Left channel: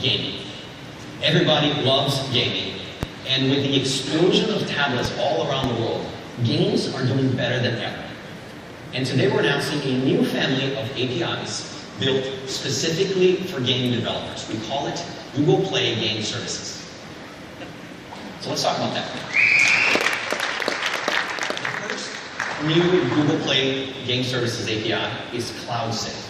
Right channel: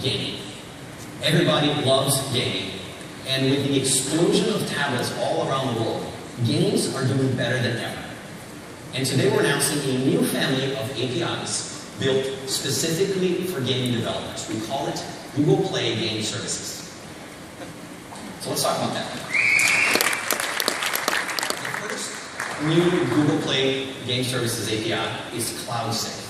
gaming. Everybody loves gaming, and with the explosion of tablets all around the world, games are doing better than ever. And today we're announcing a new family of APIs built specifically for game developers. We call it Google Play Game Services. So let's talk about that. The first new Google Play Game Services API is CloudSave.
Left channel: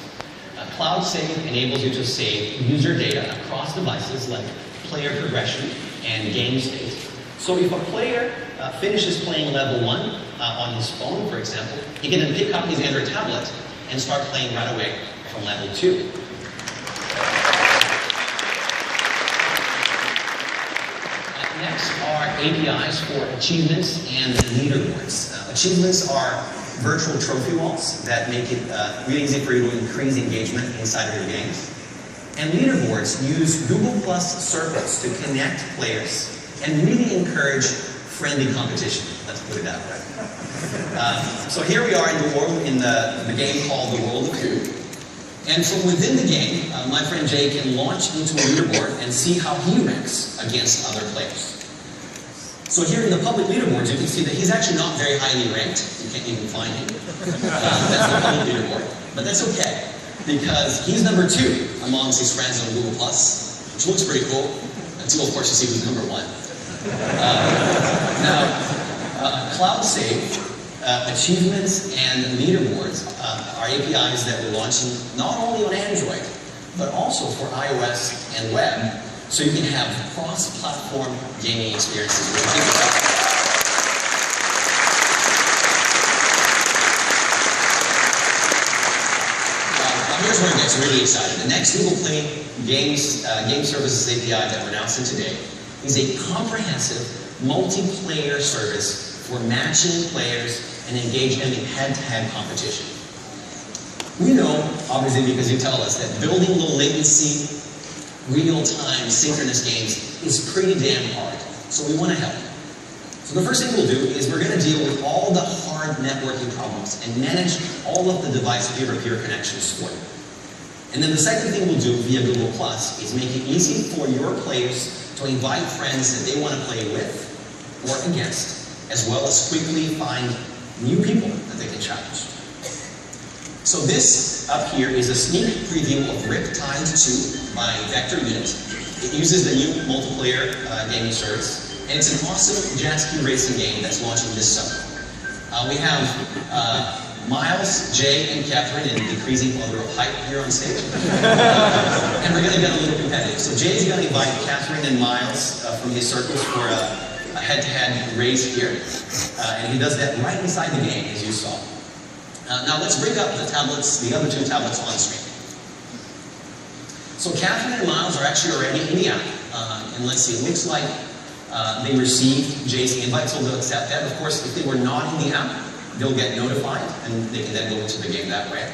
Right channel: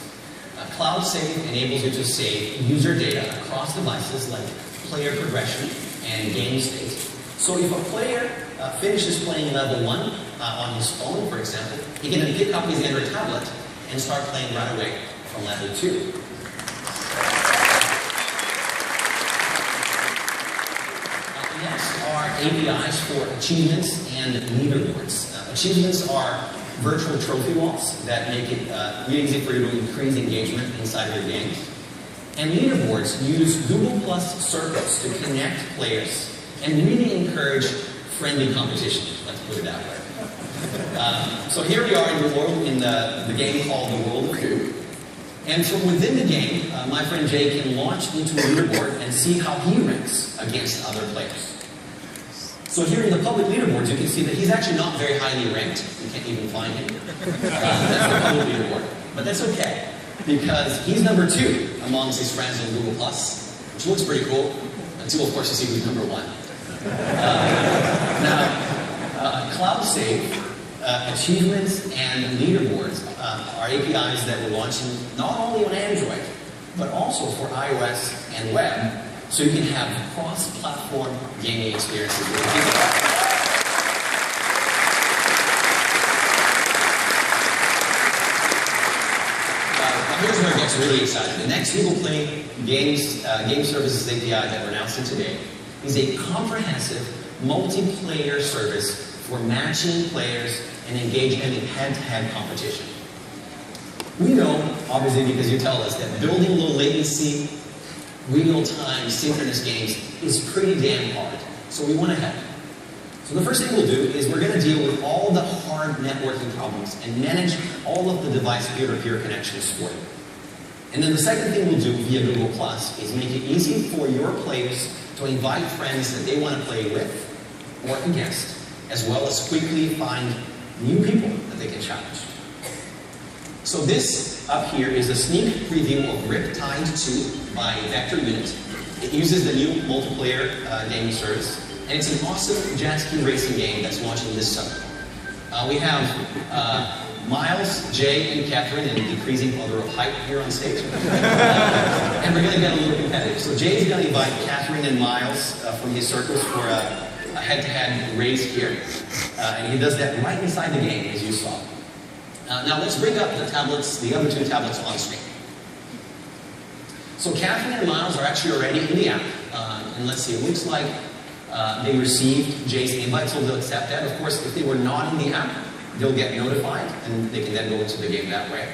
CloudSave enables you to save user data across devices like player progression and game state. So if a player finishes playing level 1 on his phone, for example, he can then pick up his Android tablet and start playing right away from level 2. Next are APIs for achievements and leaderboards. Achievements are virtual trophy walls that make it really easy for you to increase engagement inside of your games. And leaderboards use Google Plus circles to connect players and really encourage friendly competition. Let's put it that way. So here we are in the world, in the game called The World of Coup. And from within the game, my friend Jay can launch into a leaderboard and see how he ranks against other players. So here in the public leaderboards, you can see that he's actually not very highly ranked. You can't even find him. That's the public leaderboard. But that's okay, because he's number 2 amongst his friends on Google+, which looks pretty cool, until of course you see who's number 1. Now, CloudSave, achievements and leaderboards are APIs that we're launching not only on Android, but also for iOS and web, so you can have cross-platform gaming experiences. Here's where it gets really exciting. The next Google Play Game Services API that we're announcing today is a comprehensive multiplayer service for matching players and engaging them in head-to-head competition. We know, obviously because you tell us, that building low latency, real-time, synchronous games is pretty damn hard. So we want to help. So the first thing we'll do is we're going to deal with all the hard networking problems and manage all of the device peer-to-peer connections for you. And then the second thing we'll do via Google Plus is make it easy for your players to invite friends that they want to play with or against, as well as quickly find new people that they can challenge. So this up here is a sneak preview of Riptide 2 by Vector Unit. It uses the new multiplayer gaming service, and it's an awesome jet ski racing game that's launching this summer. We have Miles, Jay, and Catherine in decreasing order of height here on stage. And we're going to get a little competitive. So Jay's going to invite Catherine and Miles from his circles for a head-to-head race here. And he does that right inside the game, as you saw. Now let's bring up the tablets, the other 2 tablets on screen. So Catherine and Miles are actually already in the app. And let's see, it looks like they received Jay's invite, so they'll accept that. Of course, if they were not in the app, they'll get notified, and they can then go into the game that way.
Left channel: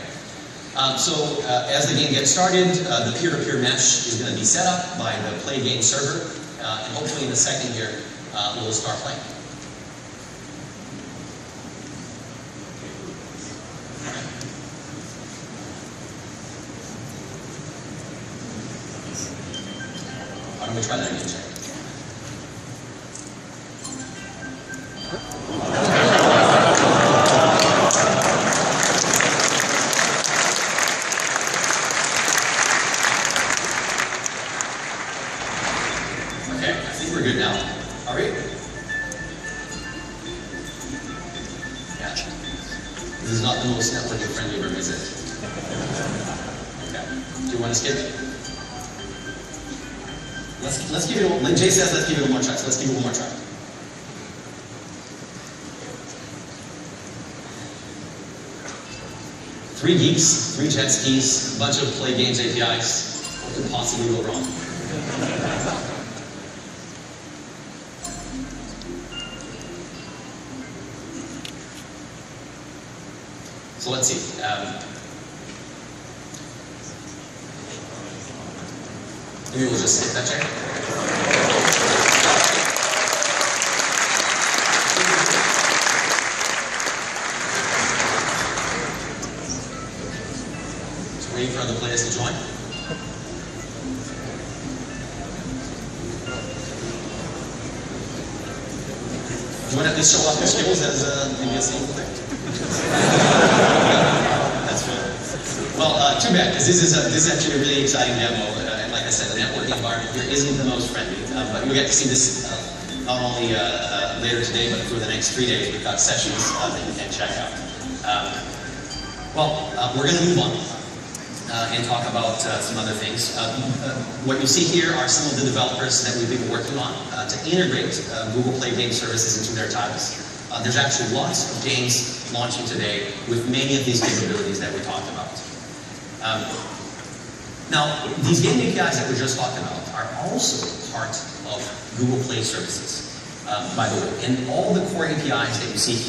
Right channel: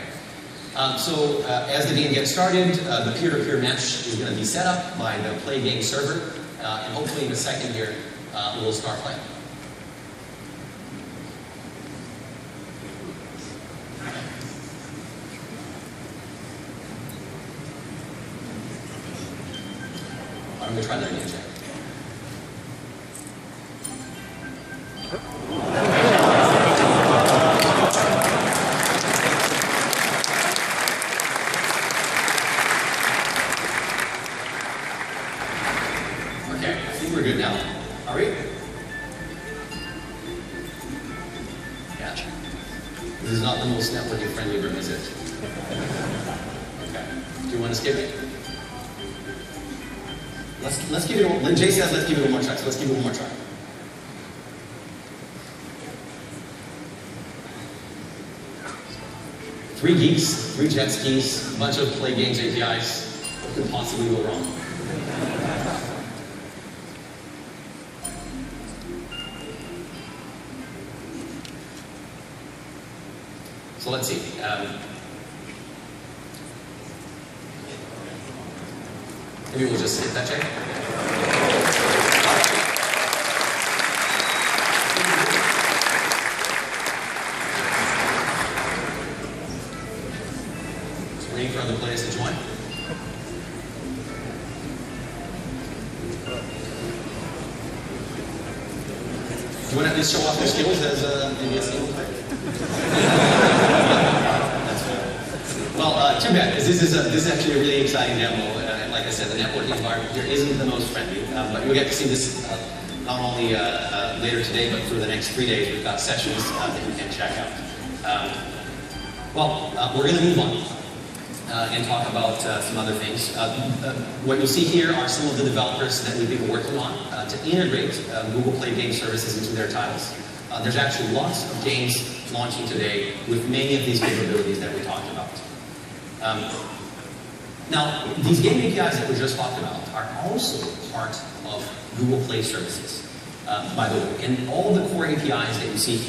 So as the game gets started, the peer-to-peer match is going to be set up by the Play Game server, and hopefully in a second here, we'll start playing. Why don't we try that again, Jay? Okay, I think we're good now. Are we? Gotcha. This is not the most networking friendly room, is it? Okay. Do you want to skip it? Let's give it one. Like Jay says, let's give it one more try. So let's give it one more try. Three geeks, 3 jet skis, a bunch of Play Games APIs. What could possibly go wrong? So let's see. Maybe we'll just skip that check. Just waiting for other players to join. You want to just show off your skills as maybe a single player? That's good. Well, too bad, because this is actually a really exciting demo. And like I said, the networking environment here isn't the most friendly, but you'll get to see this not only later today, but for the next 3 days. We've got sessions that you can check out. We're going to move on and talk about some other things. What you'll see here are some of the developers that we've been working on to integrate Google Play game services into their titles. There's actually lots of games launching today with many of these capabilities that we talked about. Now, these game APIs that we just talked about are also part of Google Play services, by the way. And all the core APIs that you see here